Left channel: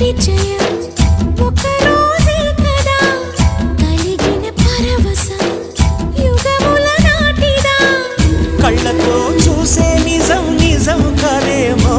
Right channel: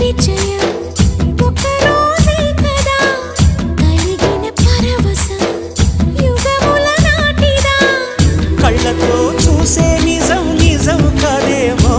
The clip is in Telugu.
పరిచయం ఒక రోజే కదా కలిగిన పరవశం యుగముల నాటిదా కళ్ళతో చూసే నిజం నిజం కాదేమో